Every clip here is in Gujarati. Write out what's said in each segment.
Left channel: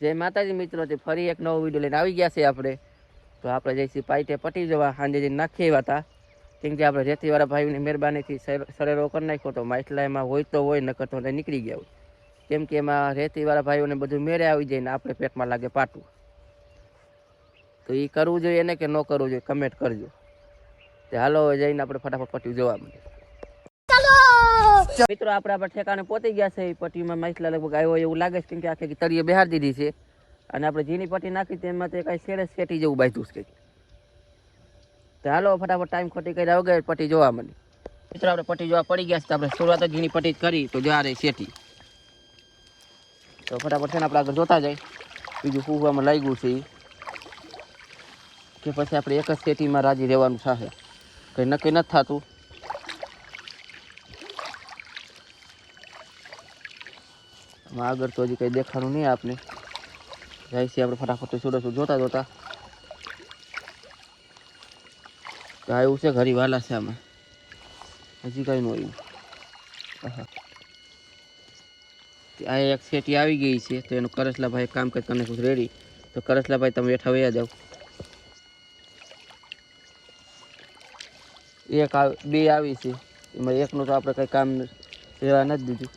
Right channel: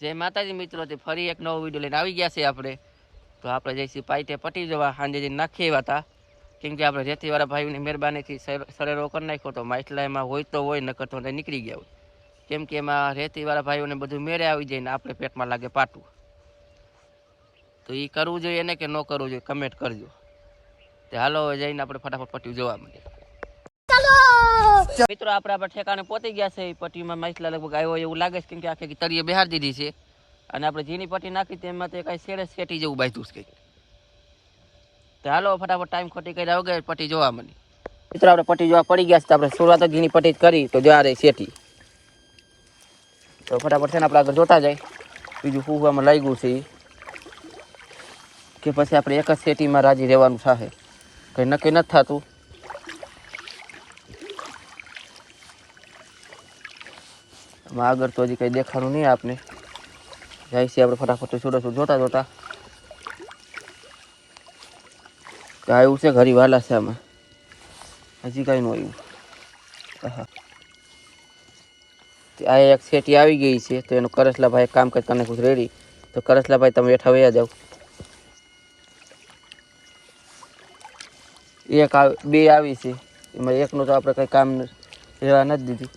જય માતાજી મિત્રો, તે ફરી એક નવો વિડીયો લઈને આવી ગયા છે આપણે. તો આપણે જઈશું પાઈતે પટી જવા, સાંજે જઈને નાખી આવ્યા હતા. કેમ કે આપણે રેતીવાળા ભાઈઓની મહેરબાનીથી સરેરો કરી નાખ્યો તો માછલા એમાં હોય તો હોય, નકર તો નીકળી ગયા હોય. કેમ કે એમાં રેતીવાળા ભાઈઓને બધું મેળે આવી જાય ને આપણે પેટમાં લાગે પાટું. તો એ કરવું જોઈએ ને કે ન કરવું જોઈએ, કમેન્ટ કરજો. તે હાલો જઈને આપણે ફટાફટ પટ્ટી જોવા મળીએ. મિત્રો આપણે ઠેકાણે પહોંચી ગયા છે. પટ્ટીમાં માછલા લગભગ આવ્યો એવું લાગે છે, કેમ કે આખી તળિયે બહાર દીધી છે. અને આપણે જીની પટ્ટી નાખી તેમાં તે કાંઈ શેડે શેટી જેવું બાંધ્યું છે. તો હાલો ફટાફટ ટાઈમ ખોટી કર્યા વગર પટ્ટી જોવા મળી. મિત્રો આપણે પટ્ટી જોવા પડી ગયા છે. આપણે શરૂઆત જ જીની પટ્ટી કરી તો જો આ રહી શેટી. તો ફટાફટ છે ને આપણે આગળ જોતા જાય બીજું ફૂગવામાં લાગ્યું છે કે પછી આપણે એક જ શેટીમાં રાજી રહેવાનું થશે, કંઈ નક્કી નથી થતું. આગળ તો હજી કંઈ દેખાડું નહીં આપને. જાય છે આપણે ફટાફટ છોડો જોતા જોતા. આવ્યું છે ઘરી વાલા છે આમાં, હજી કાંઈ ન આવ્યું. આ એક શેટી આવી ગઈ છે તો એનું કરસલાભાઈ કામ કરી નાખું રેડી. તો કરસલાભાઈ તમે બેઠા વયા જાઓ. એક બે આવી છે એમાં એકનું તો આપણે કંઈ કામ રહેવા નથી દીધું.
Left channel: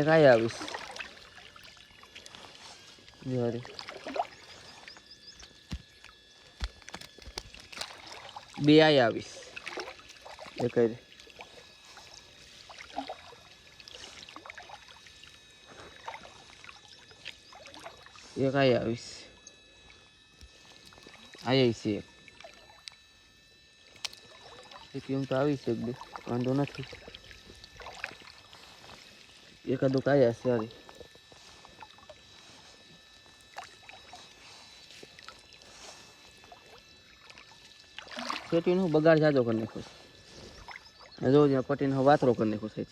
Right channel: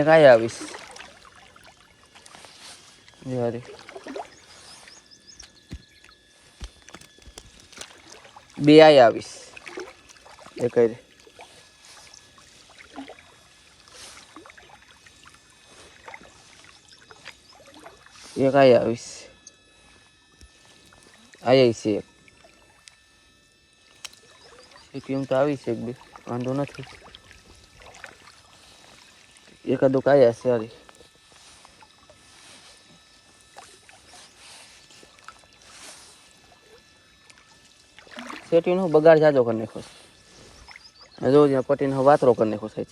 એક આયા આવીશ યાર, બે આયા આવીશ એક એક આયા આવીશ. આયા છે એક એમ તો આવી છે, એક બે વાંધો નથી. એકાદું કાયા છે સારી. શેટીનો બગાડ જાજો કરી નાખો. જો જ્યાં પટીનો વાતરો કરી નાખો સાહેબ.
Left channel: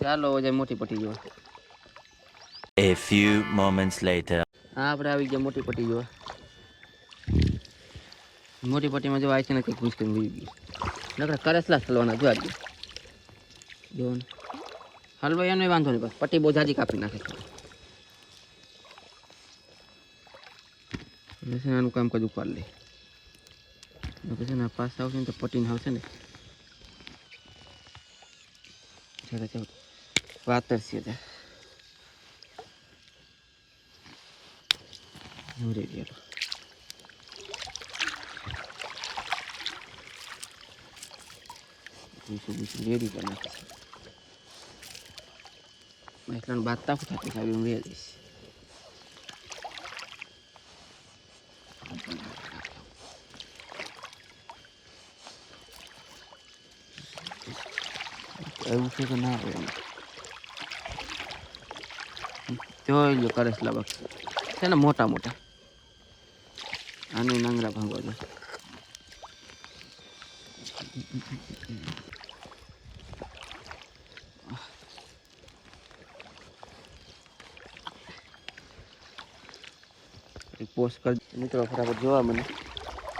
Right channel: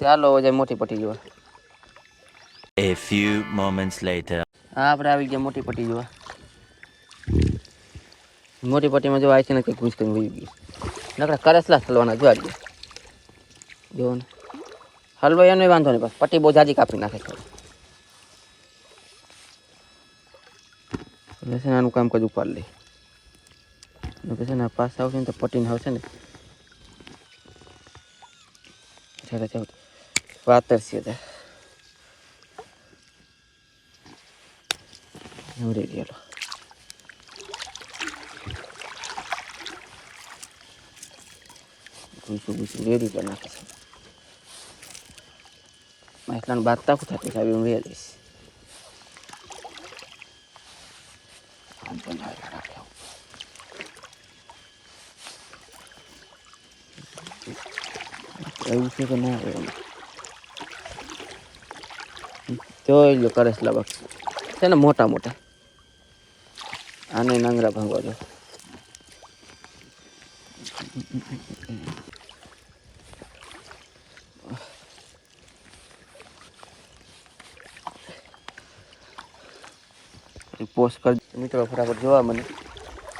ચાલો જાય મોટી પટ્ટી જોવા. A few moments later. હા આપણે આવી ગયા મોટી પટ્ટી જોવા. મોટી પટ્ટીમાં જો આવી છે ને કે ઘૂસ કરીને વહી ગયું. નકરા કરસલા હલવાના જો આજે જો ને હલવો એનો વાંધો નહીં, બસ પટ્ટી બહુ જાજી કાપી નાખે છે. એટલે છે ને આનું કામ કજ ઉપાડ લે. પછી ને પાસ આવશે ને તો પટ્ટીને આવશે ને વાતર છે ત્યાં ગયેલો. ઘૂસું રેડી કરી નાખે છે. માછલાનું બાંધતા શું થતું છે, આવી હું રહી જઈશ. એવું છે કે ના આવે એમ જોઈ લો. કરસલા બાગ છે ને મોટા મોટા, આને નાંગરા ભાંગવા દો. પોસ્ટ કરી મિત્રો ફટાફટ જોવા મને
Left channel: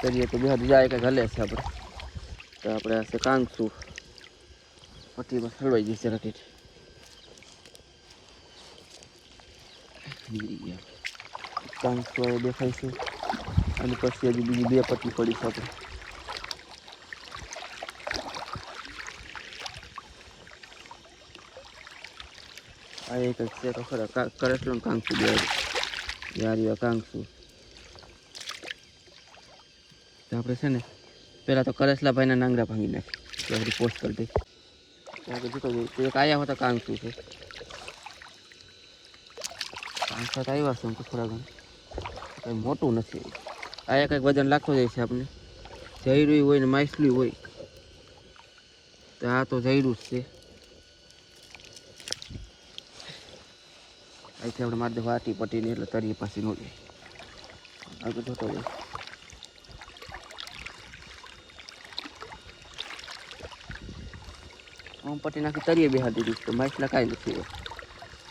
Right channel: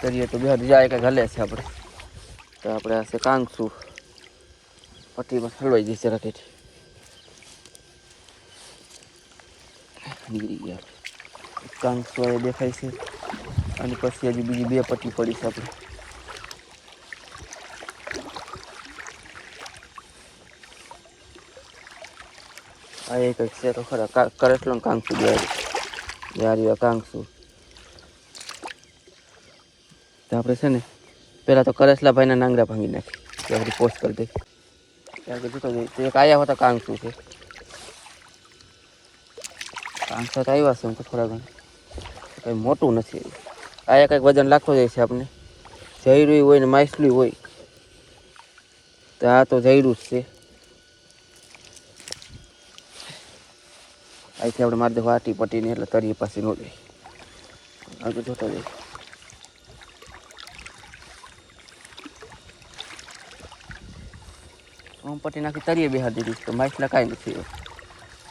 કરીએ તો બે જાય કે ઘલે છે આપણે. તો આપણે હશે કાંગસું પટ્ટીમાં હલવાઈ ગઈ છે રાતેથી. નીકળી ગયા કાંગસું હવે દેખાય છે. અને પછી હજી બીજી બે પટ્ટી પડી છે આપણે. આ એક છે તો ખરા કરસલો કાંગસું યાર કાંગસું. તો આપણે છે ને પહેલાં તો કરસલા ભાઈના નાંગરા ભાંગી નાખી ત્યાં બધી પોસ્ટ કરી દઈ. ત્યાં કે જીતો એક આવ્યા હતા કાંગસું છે. કાંગસા તો આવ્યા છે એમ તો થોડા ઘણા, કંઈ મોટું નથી. આયા કંઈક વજન લાગતો જાય છે આપણે. જયરું હોય ને માછલું હોય તો આ તો જયરું જ છે. અહીંથી આપણે મારી દે વાટી પટીને એટલે તરીએ પાસે ન જાય. આગળ જોતા જાય. હું પટી નાખી તરીએ બેહાર દીધી તો માછલા કાંઈ નથી.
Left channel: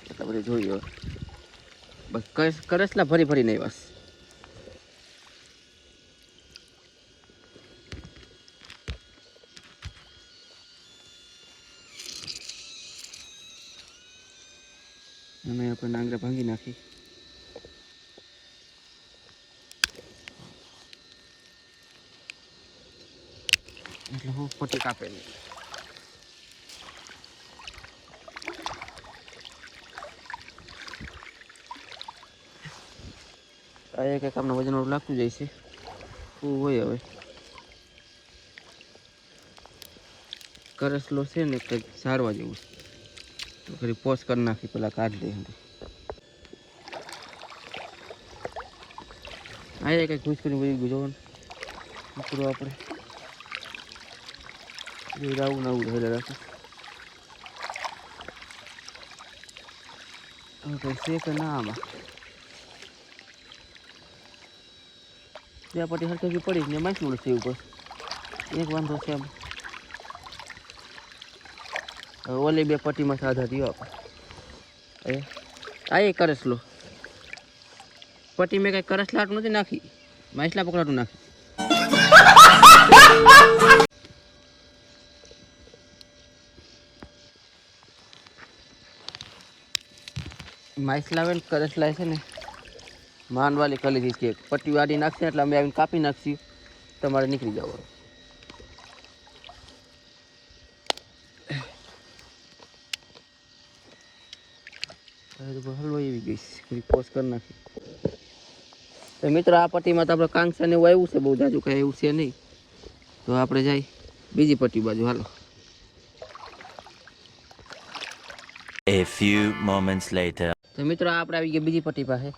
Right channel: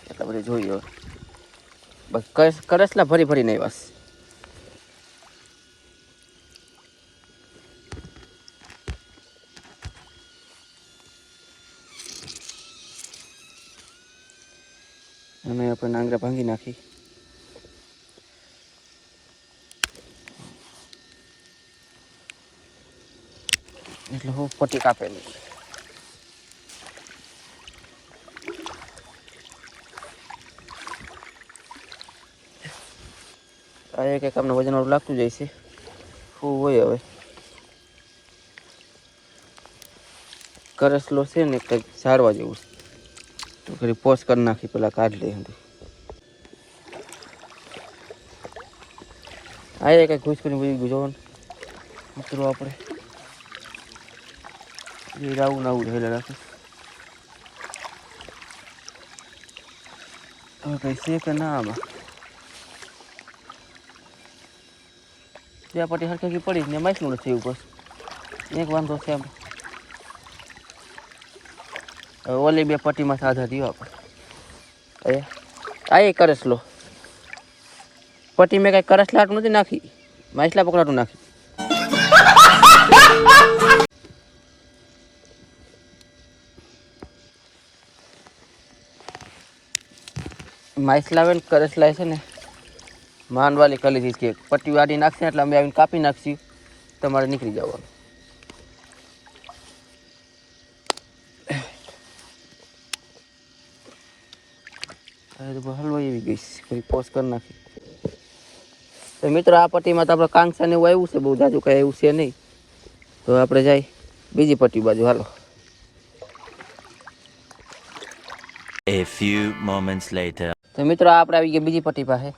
એટલે આપણે જોઈએ બસ કરસલા ભરી ભરી નહીં બસ. અને આપણે નાંગરા ભાંગી નાખી. એટલે હું પટ્ટી કાપેલી. આ એક આપણે વજનવાળું લાગતું જાય છે. શું હોય હવે કરસલો છે ને કંઈક સારવા જેવું તો ખરી પોસ કરી નાખી પેલા કાઢી દે. આ કંઈક ઘૂસ કરીને બધી જોવાનું આપણે આવું ને આવું હેલે નાખી. હવે કંઈ છે કે ના આમાં ત્યાં પટ્ટી હરખી પડી ને માછલું નથી એવું બસ એક વાંધો છે. હવે ઓલી બે પટ્ટીમાં સાજા થયો આપણે આ કરસલો પટ્ટી મેં કાંઈ કરસલાટું નથી નાખી, માછલા પકડાટું નાખી. માછલા આવે ને કરસલા છે ને માંડવાલી કરી લીધી કે પટ્ટી વાળી નાખશે એટલે અમે આવીને કાપી નાખશી, તમારે નીકળી જવાનું. હલવાઈ એવી ગઈ ફરી પોસ્ટ કરી નાખી. તો મિત્રો આ પટ્ટીમાં તો આપણે કાંસા ને એવું આવ્યું છે, બહુ જાજુ કાંઈ એવું છે નહીં. તો આપણે જાય બીજી પટ્ટી બાજુ. હાલો. A few moments later. તો મિત્રો આપણે આવી ગયા બીજી પટ્ટી પાસે.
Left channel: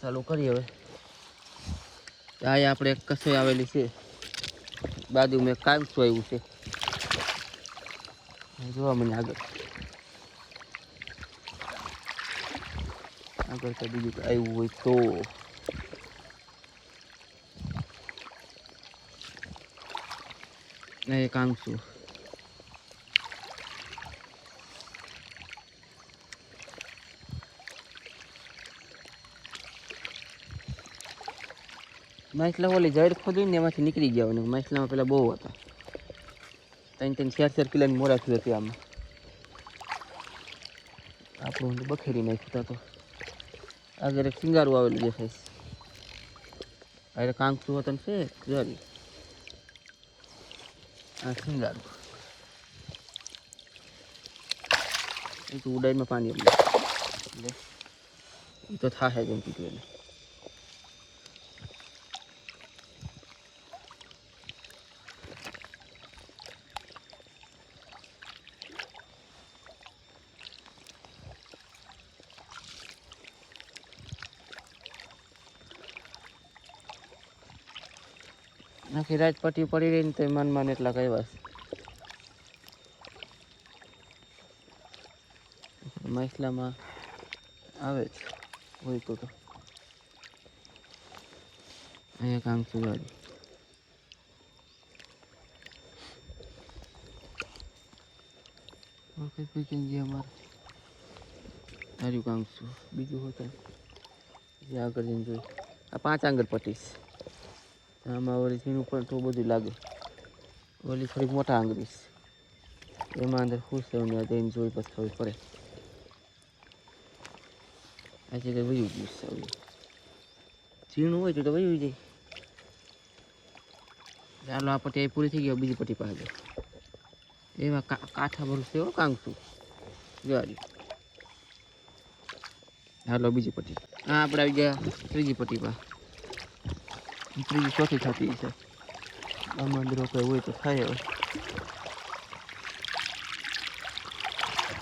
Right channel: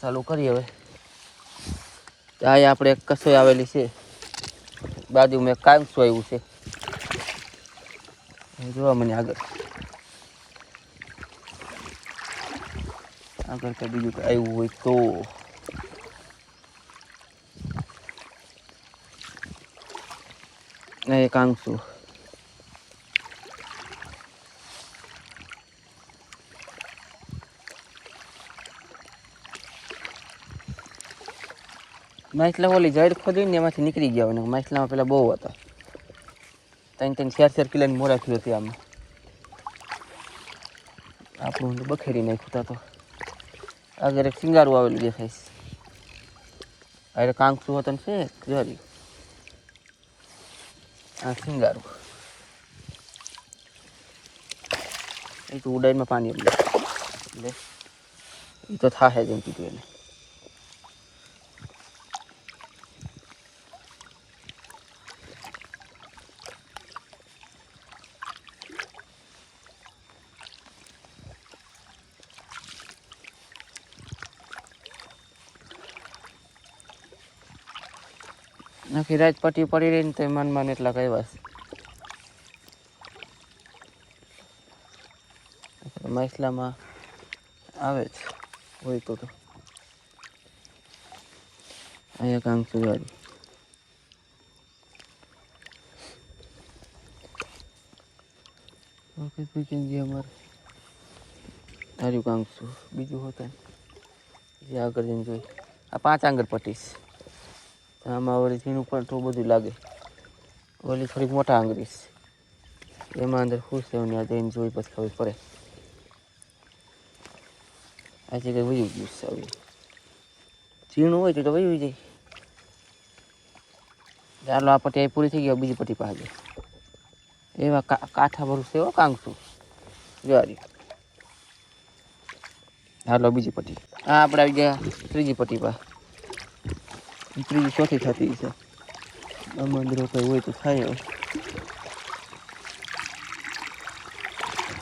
ચાલુ કરીએ હવે. આ આપણે એક કસોઈ આવેલી છે, બાજુમાં એક કાંસું આવ્યું છે. જોવા મને આગળ આગળ કંઈ બીજું કંઈ આવ્યું હોય તો. ના એ કાંસું માછલા ઓલી જડ ખોદીને એમાંથી નીકળી ગયા હોય. માછલામાં પેલા બહુ હતા, 3-4 કિલોની મોરા થયું હતી. આમાં આપણું બખેરી નાખ્યું તો આગળ એક સિંગારું આવેલું દેખાય છે. અરે કાંકસું હતું છે જોરી. આ સિંગારું એ તો ઉડાઈમાં પાણી એટલે એ તો થાશે જેમ કીધું એને. નાખી રાત પટ્ટી પડી રહી ને તો મનમાં એટલા કઈ વાત માછલામાં આવે જ હોય તો. અહીંયા કાંકસું વાળી અમારે તાર્યું કાંકસું બીજું હોતું જે આગળ જઈને જોઈ. આ 5 આંગળ પટ્ટીશ. આમાં વળી ઝીણું પણ થોડું બધું લાગે. ઓલી થોડીક મોટા આંગળીશ એમાં અંદર ખુશ થયું ને જઈને જોઈ પછી ખબર પડે. આજે કંઈ વયું ગયું છે. ઝીણું હોય તો વયું જાય. ચાલો આ પટ્ટી પૂરી થઈ ગઈ, બીજી પટ્ટી પાસે એવા કાંઠા ભરું છે એવો કાંકસું જોરી. હાલો બીજી પટ્ટી. આ આપણે આવી ગયા ત્રીજી પટ્ટી પાસે. ત્રીજી ચોથી થતી છે. મંદિરો કંઈ હોય તો થાય.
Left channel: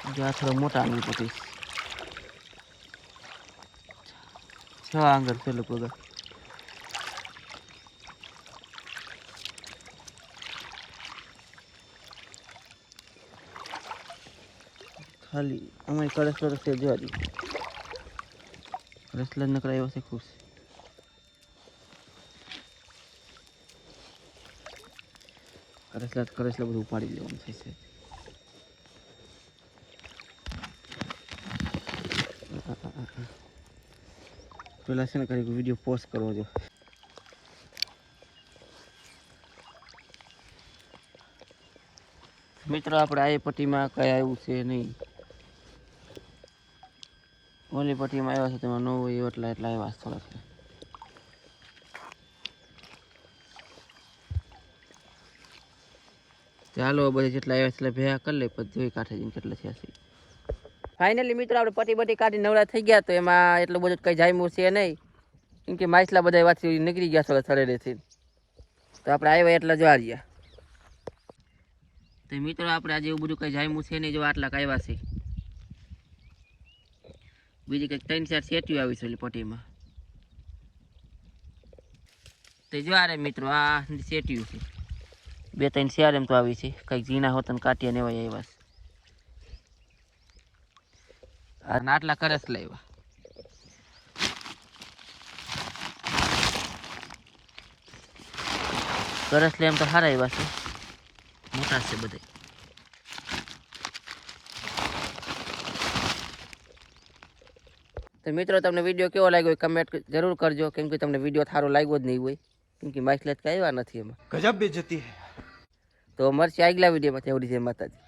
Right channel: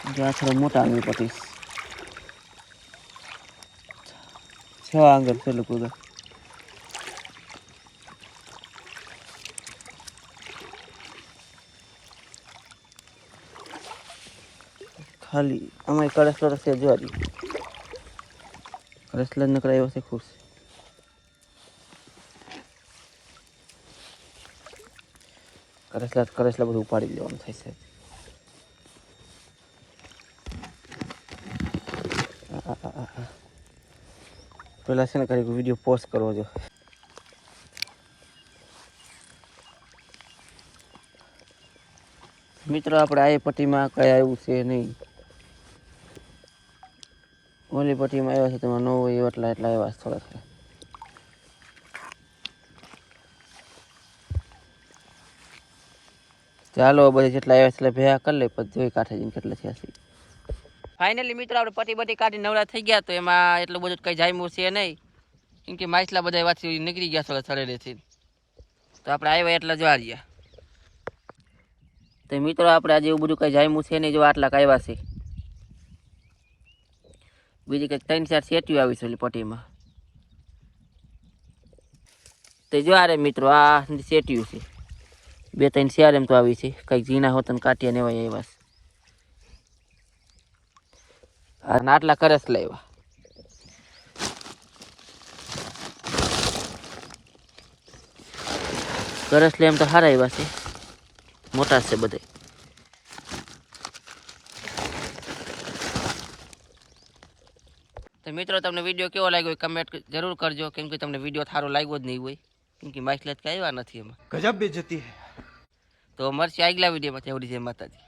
હવે આ થોડા મોટા આંગળી પટ્ટી 6 આંગળ છે લોકો. ખાલી આમાં કરસલો રસ્તે જોવા કરસલા નકરાયો છે ખુશ. કરસલા બધું ઉપાડી લેવાનું થાય છે. પેલા છે ને કરી વિડીયો પોસ્ટ કરવો જો. મિત્રો આપણે આ પટ્ટીમાં કઈ આવ્યું છે નહીં. ઓલી પટ્ટીમાં આવ્યા છે તેમાં ન હોય એટલા આવ્યા છે થોડા થોડા. ચાલો બધી જેટલા આવ્યા છે એટલે ભેગા કરી લે પછી જોઈ કાંઠે જઈને કેટલા થયા છે. ફાઇનલી મિત્રો આપણે પટ્ટી બટ્ટી કાઢી નવરા થઈ ગયા તો એમાં એટલું બધું કંઈ જામ્યું છે નહીં, કેમ કે માછલા બધા વાથી નીકળી ગયા થોડા શરીરેથી. તો આપણે આવ્યા એટલા જ વાર્યા. તો મિત્રો આપણે આજે એવું બધું કંઈ જામ્યું છે નહીં, જો આટલા આવ્યા છે. બીજી કંઈક 3-4 સેટીઓ આવી છે ઓલી પટ્ટીમાં. તો જો આરે મિત્રો આ સેટીયું છે, 2-3 શેર એમ તો આવી છે. કંઈક ઝીણા હોતન કાઢ્યા ને એવા આવ્યા છે. અને આટલા કરસ લાવ્યા. કરસ લે એમ તો સારા આવ્યા છે, મોટા છે બધે. તો મિત્રો તમને વિડીયો કેવો લાગ્યો કમેન્ટ જરૂર કરજો, કેમ કે તમને વિડીયો સારો લાગ્યો જ નહીં હોય, કેમ કે માછલા જ કાંઈ આવ્યા નથી એમાં. ગજબ બેઇજ્જતી હે. તો મળશે આગલા વિડીયોમાં. ત્યાં સુધી જય માતાજી.